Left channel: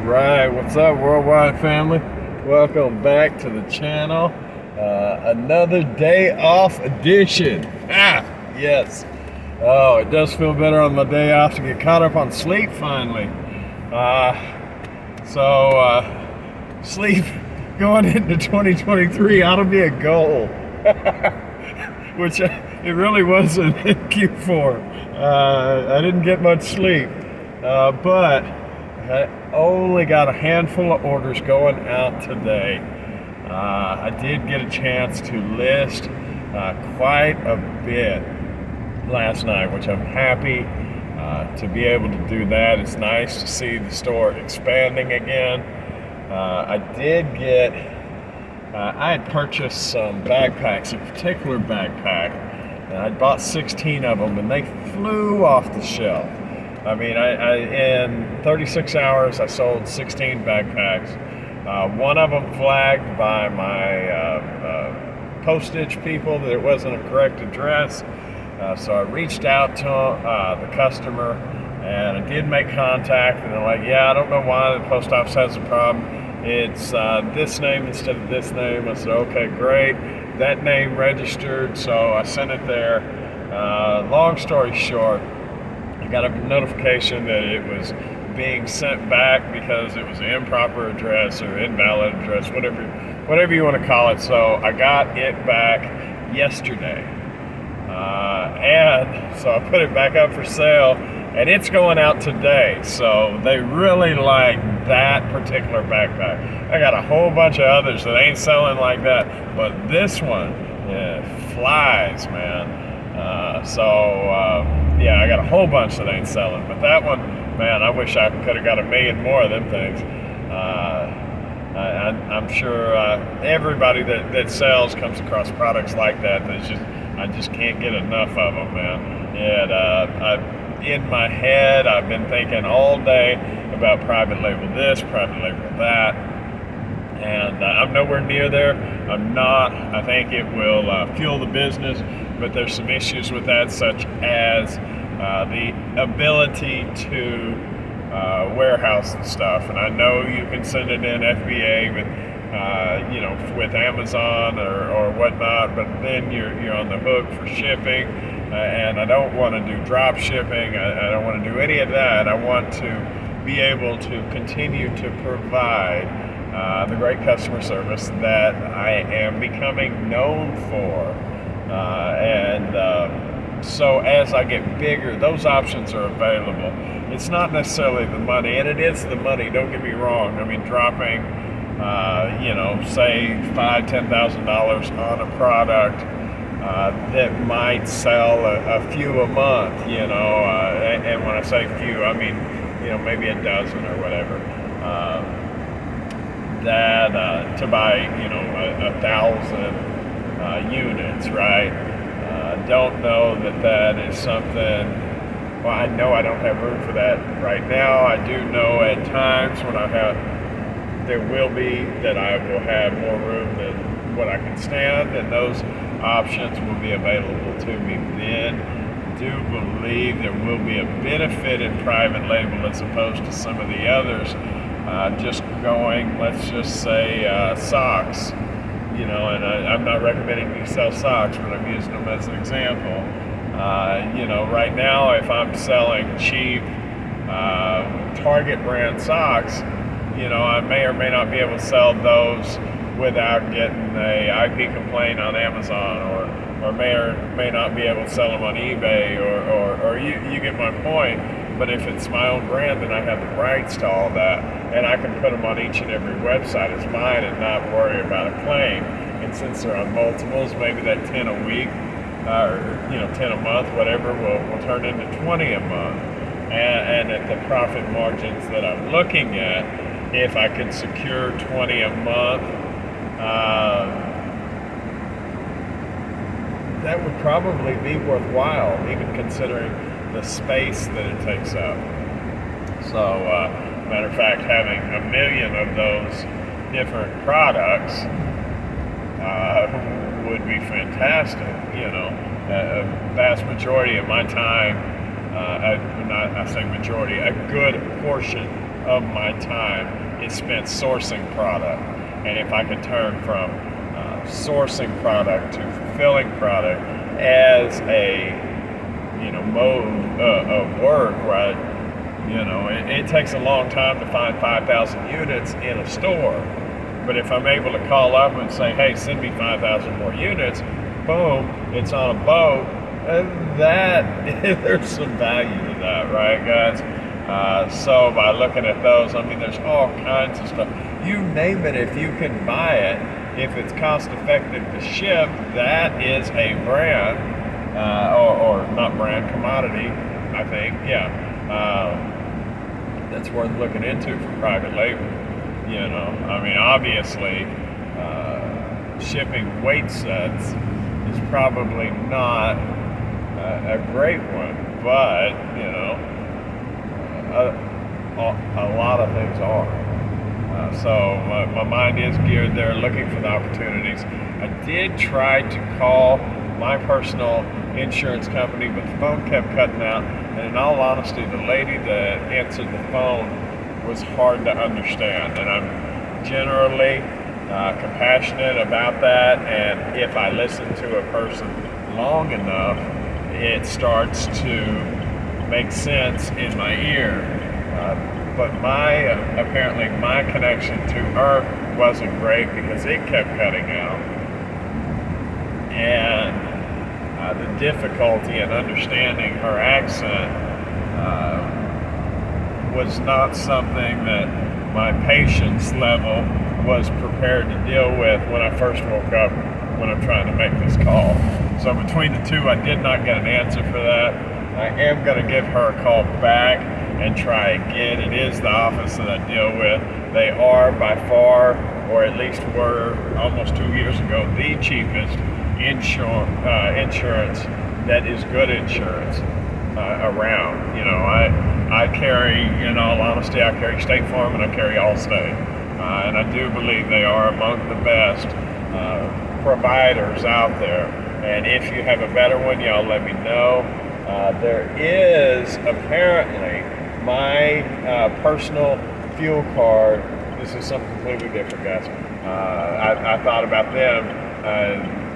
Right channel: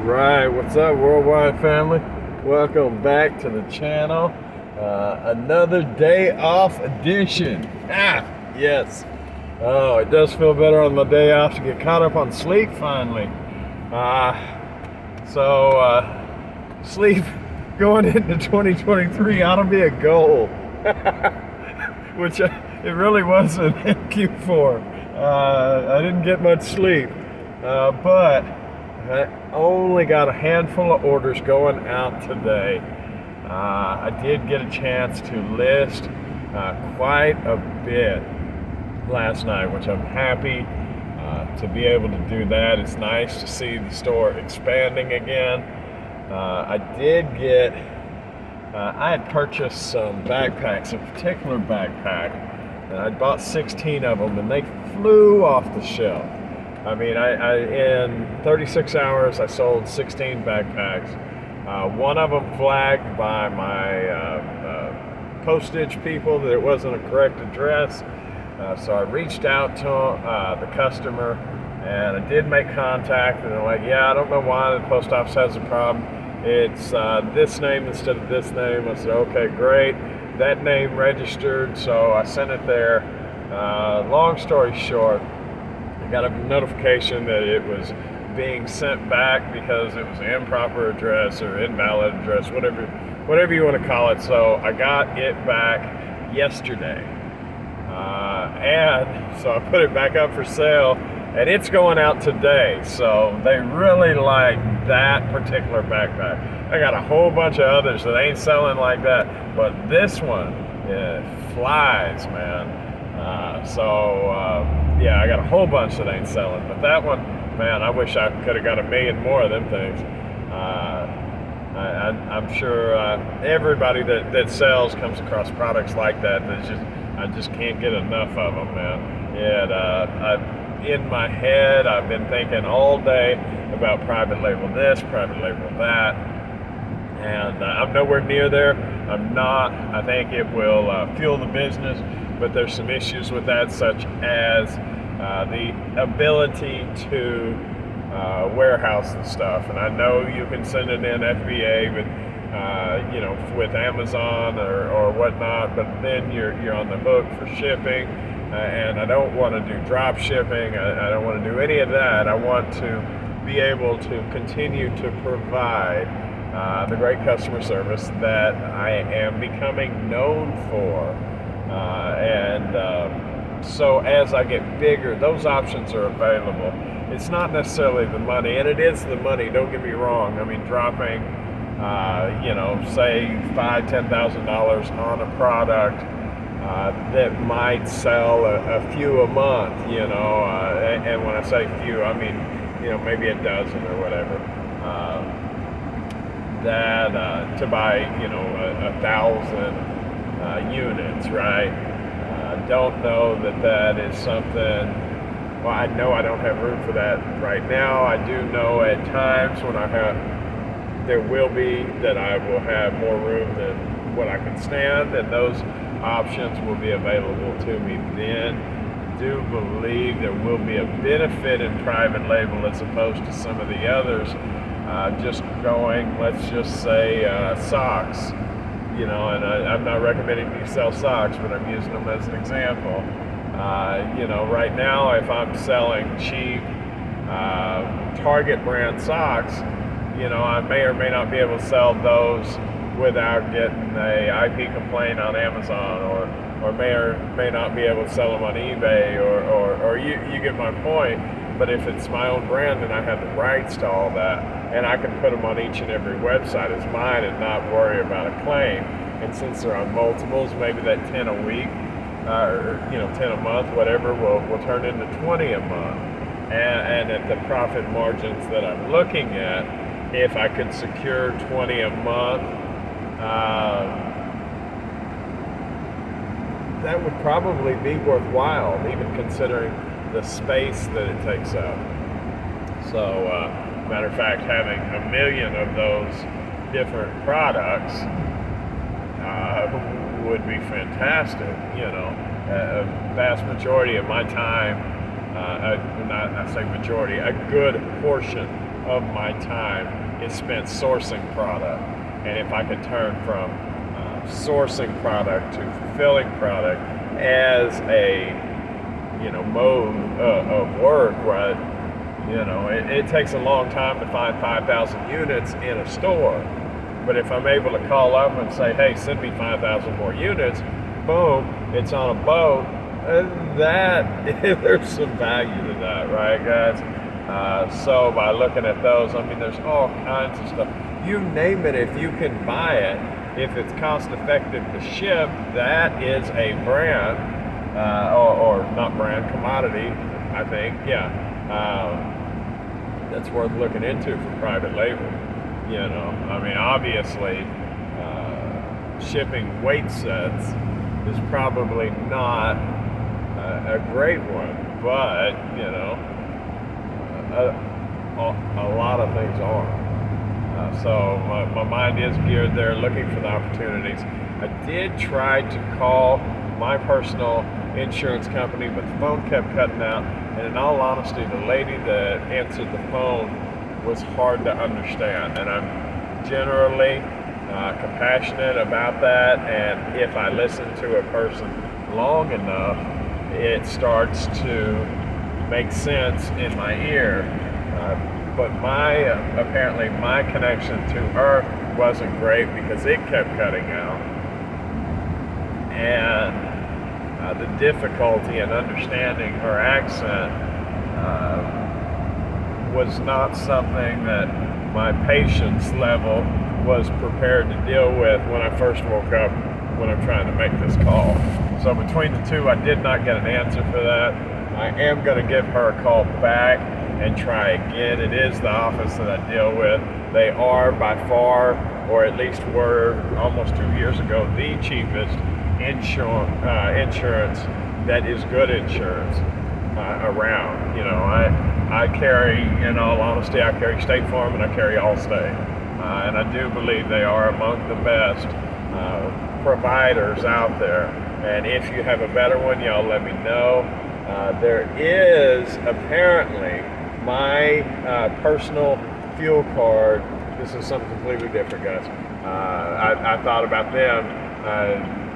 Right, what's up, worldwide family? Welcome back to the channel. Another day off edition. Yes. Oh, it does feel better on my day off to get caught up on sleep finally. Sleep going into 2023 ought to be a goal, which it really wasn't in Q4. I didn't get much sleep, but I only got a handful of orders going out today. I did get a chance to list quite a bit last night, which I'm happy to be able to do that. It's nice to see the store expanding again. I had purchased some backpacks, a particular backpack. I bought 16 of them and they flew off the shelf. I mean, in 36 hours, I sold 16 backpacks. One of them flagged by my postage people that it wasn't a correct address. So I reached out to the customer, and I did make contact, and they're like, yeah, I don't know why the post office has a problem. It's this name instead of this name. I said, okay, great. That name registered, so I sent it there. Long story short, I got a notification that it was being sent back because it was an improper address or invalid address, whatever you want to call it. So I got it back yesterday. And so I put it back up for sale, and it's going out today. So they really like that particular backpack. I got a whole bunch of others that ain't selling like that, but this one, flies, man. Yeah, I got a whole bunch that ain't selling, but that one, man, I wish I could have got a million more of them things. I'm sure everybody that sells comes across products like that. I just can't get enough of them, man. And in my head, I've been thinking all day about private label this, private label that, and I'm nowhere near there. I'm not. I think it will fuel the business, but there's some issues with that, such as the ability to warehouse the stuff. And I know you can send it in FBA, but with Amazon or whatnot, but then you're on the hook for shipping, and I don't want to do drop shipping. I don't want to do any of that. I want to be able to continue to provide the great customer service that I am becoming known for. So as I get bigger, those options are available. It's not necessarily the money, and it is the money, don't get me wrong. I mean, dropping, say $5,000-$10,000 on a product that might sell a few a month, and when I say few, I mean, maybe a dozen or whatever. To buy, 1,000 units, right? Don't know that is something. Well, I know I don't have room for that right now. I do know at times when there will be that I will have more room than what I can stand, and those options will be available to me then. Do believe there will be a benefit in private label as opposed to some of the others. Just going, let's just say socks. And I'm not recommending you sell socks, but I'm using them as an example. Right now, if I'm selling cheap Target brand socks, I may or may not be able to sell those without getting a IP complaint on Amazon, or may not be able to sell them on eBay, or you get my point. But if it's my own brand, then I have the rights to all that, and I can put them on each and every website as mine and not worry about a claim. And since they're on multiples, maybe that 10 a week, or 10 a month, whatever, will turn into 20 a month. And at the profit margins that I'm looking at, if I could secure 20 a month, that would probably be worthwhile, even considering the space that it takes up. So, matter of fact, having a million of those different products would be fantastic. A vast majority of my time, I say majority, a good portion of my time is spent sourcing product. And if I could turn from sourcing product to fulfilling product as a mode of work, right? It takes a long time to find 5,000 units in a store. But if I'm able to call up and say, hey, send me 5,000 more units, boom, it's on a boat, there's some value to that, right, guys? So by looking at those, there's all kinds of stuff. You name it, if you can buy it, if it's cost effective to ship, that is a brand, or not brand, commodity, I think, yeah. That's worth looking into for private label. Obviously, shipping weight sets is probably not a great one, but a lot of things are. So my mind is geared there, looking for the opportunities. I did try to call my personal insurance company, but the phone kept cutting out. And in all honesty, the lady that answered the phone was hard to understand. And I'm generally compassionate about that. And if I listen to a person long enough, it starts to make sense in my ear. But apparently my connection to her wasn't great because it kept cutting out. And the difficulty in understanding her accent was not something that my patience level was prepared to deal with when I first woke up when I'm trying to make this call. So between the two, I did not get an answer for that. I am going to give her a call back and try again. It is the office that I deal with. They are by far, or at least were almost 2 years ago, the cheapest insurance that is good insurance around. I carry, in all honesty, I carry State Farm and I carry Allstate. And I do believe they are among the best providers out there. And if you have a better one, y'all let me know. There is apparently my personal fuel card. This is something completely different, guys. I thought about them,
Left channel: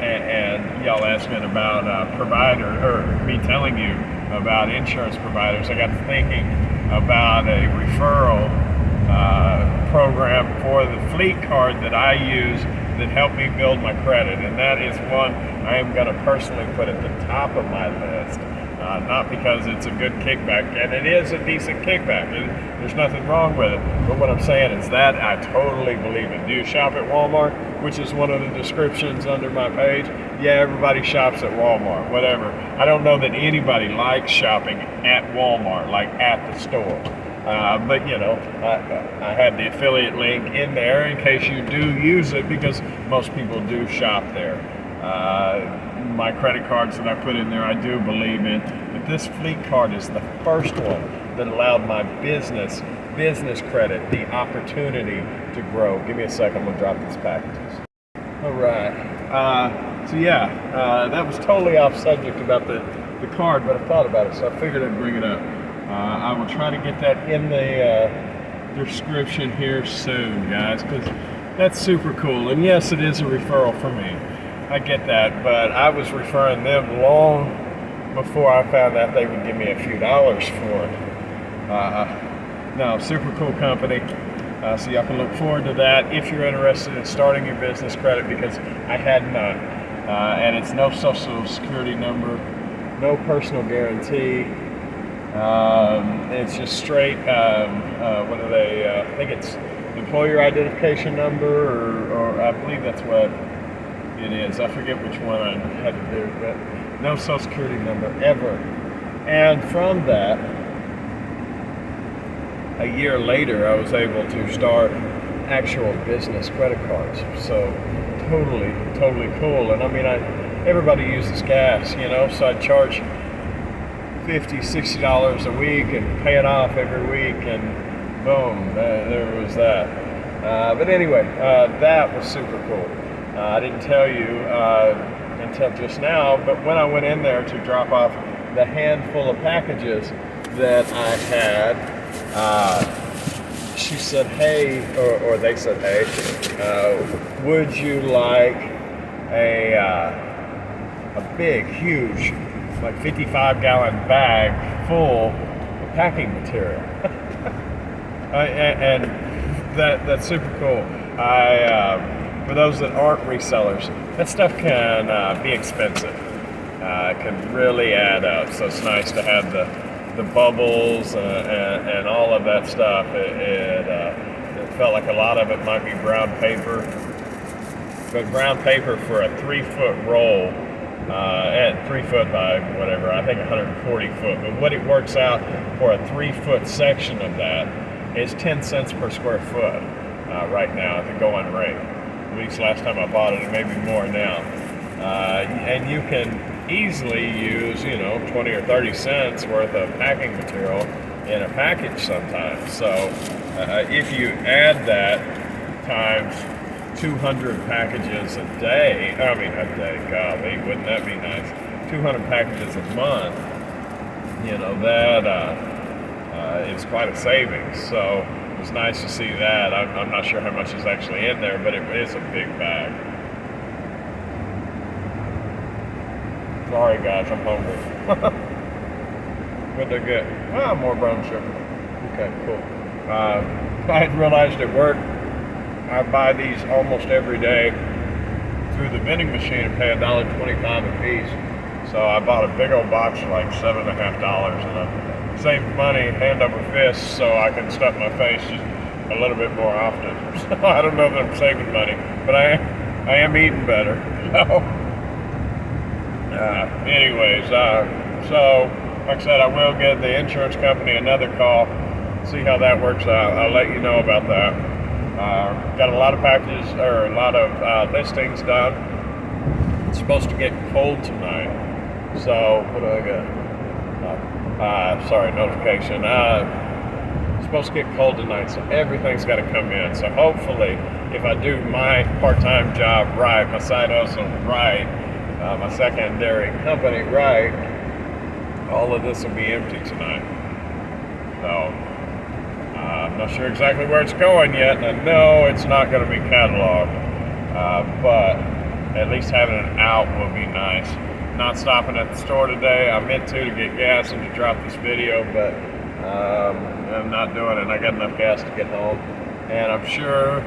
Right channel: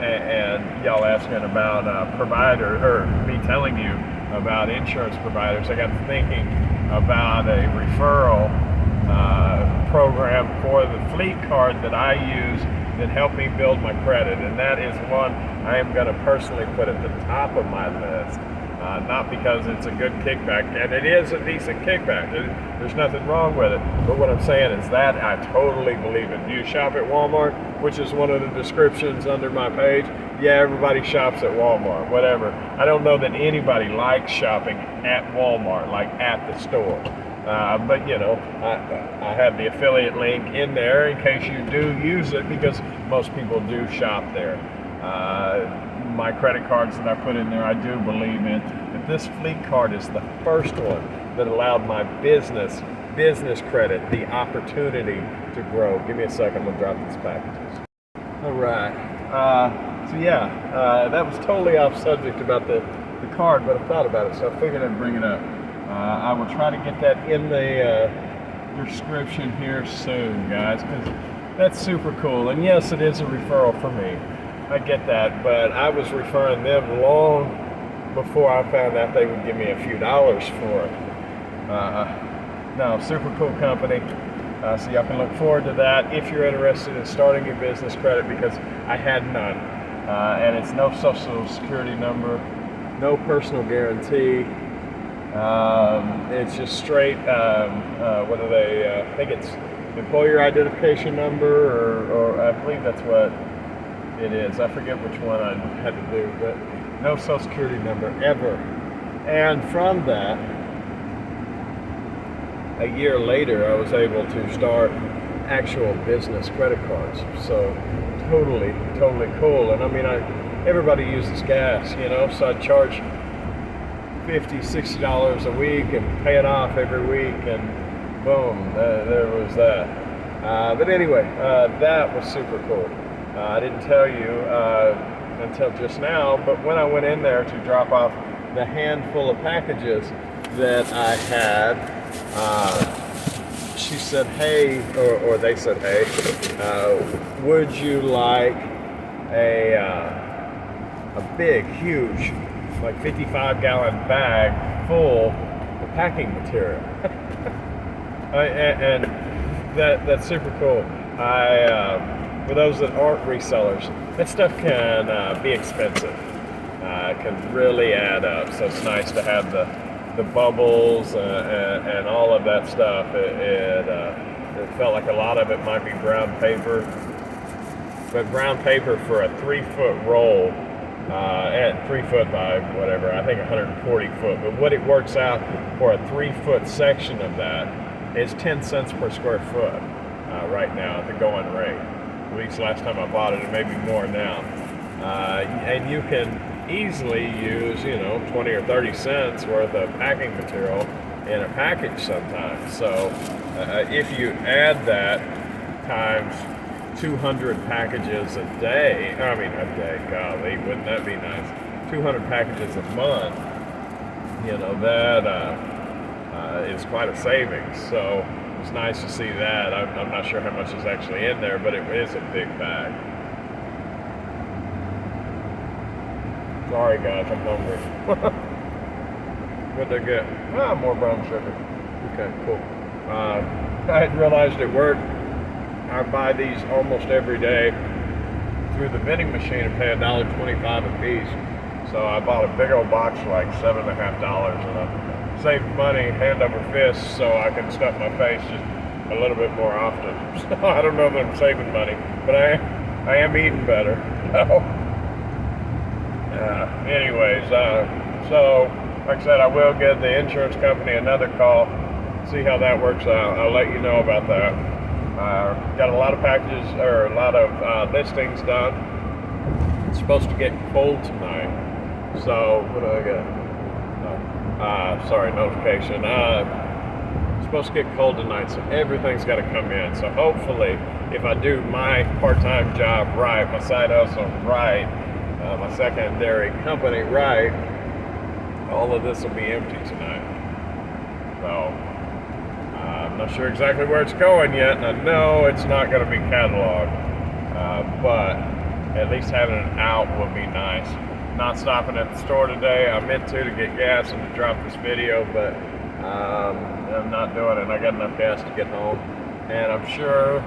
and y'all asking about provider, or me telling you about insurance providers. I got to thinking about a referral program for the fleet card that I use that helped me build my credit, and that is one I am going to personally put at the top of my list. Not because it's a good kickback, and it is a decent kickback. There's nothing wrong with it. But what I'm saying is that I totally believe in. Do you shop at Walmart, which is one of the descriptions under my page? Yeah, everybody shops at Walmart, whatever. I don't know that anybody likes shopping at Walmart, like at the store. But I have the affiliate link in there in case you do use it, because most people do shop there. My credit cards that I put in there, I do believe in. But this fleet card is the first one that allowed my business credit the opportunity to grow. Give me a second, I'm gonna drop these packages. All right. That was totally off subject about the card, but I thought about it, so I figured I'd bring it up. I will try to get that in the description here soon, guys, because that's super cool. And yes, it is a referral for me. I get that, but I was referring them long before I found out they would give me a few dollars for it. No, super cool company. So y'all can look forward to that if you're interested in starting your business credit, because I had none. And it's no social security number, no personal guarantee. It's just straight, what are they, I think it's employer identification number, or I believe that's what it is. I forget which one I had to do, but no social security number ever. And from that, a year later, I was able to start actual business credit cards. So totally cool. And everybody uses gas, so I charge $50, $60 a week and pay it off every week, and boom, there was that. But anyway, that was super cool. I didn't tell you until just now, but when I went in there to drop off the handful of packages that I had, she said, hey, or they said, hey, would you like a big, huge, like 55-gallon bag full of packing material? And that's super cool. For those that aren't resellers, that stuff can be expensive. It can really add up. So it's nice to have the bubbles and all of that stuff. It felt like a lot of it might be brown paper, but brown paper for a 3-foot roll, at 3 foot by whatever, I think 140 foot. But what it works out for a 3-foot section of that is 10 cents per square foot right now at the going rate. At least last time I bought it, it may be more now. And you can easily use, 20 or 30 cents worth of packing material in a package sometimes. So if you add that times 200 packages a day, golly, wouldn't that be nice? 200 packages a month, that is quite a savings. So it's nice to see that. I'm not sure how much is actually in there, but it is a big bag. Sorry guys, I'm hungry. What'd they get? More brown sugar. Okay, cool. I had realized at work I buy these almost every day through the vending machine and pay $1.25 a piece. So I bought a big old box for like $7.50, and I saved money hand over fist so I can stuff my face just a little bit more often. So I don't know that I'm saving money, but I am eating better. So like I said, I will give the insurance company another call, see how that works out. I'll let you know about that. Got a lot of packages, or a lot of listings done. It's supposed to get cold tonight. So what do I got? Notification. It's supposed to get cold tonight, so everything's got to come in. So hopefully, if I do my part-time job right, my side hustle right, my secondary company right, all of this will be empty tonight. So I'm not sure exactly where it's going yet, and I know it's not going to be cataloged, but at least having it out will be nice. Not stopping at the store today. I meant to get gas and to drop this video, but I'm not doing it. I got enough gas to get home, and I'm sure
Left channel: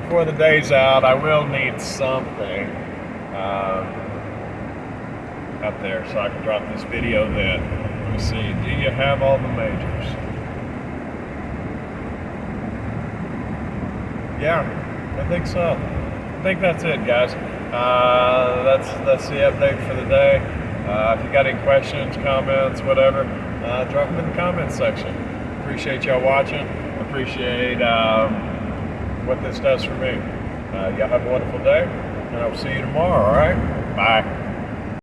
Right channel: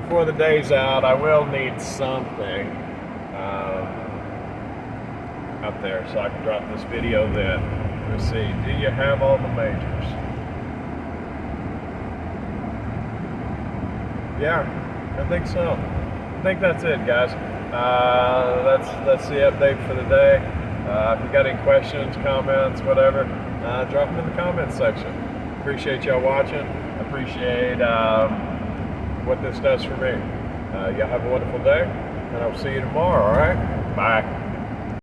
before the day's out I will need something up there so I can drop this video then. Let me see, do you have all the majors? Yeah, I think so. I think that's it, guys. That's the update for the day. If you got any questions, comments, whatever, drop them in the comments section. Appreciate y'all watching. Appreciate what this does for me. Y'all have a wonderful day, and I'll see you tomorrow, all right? Bye.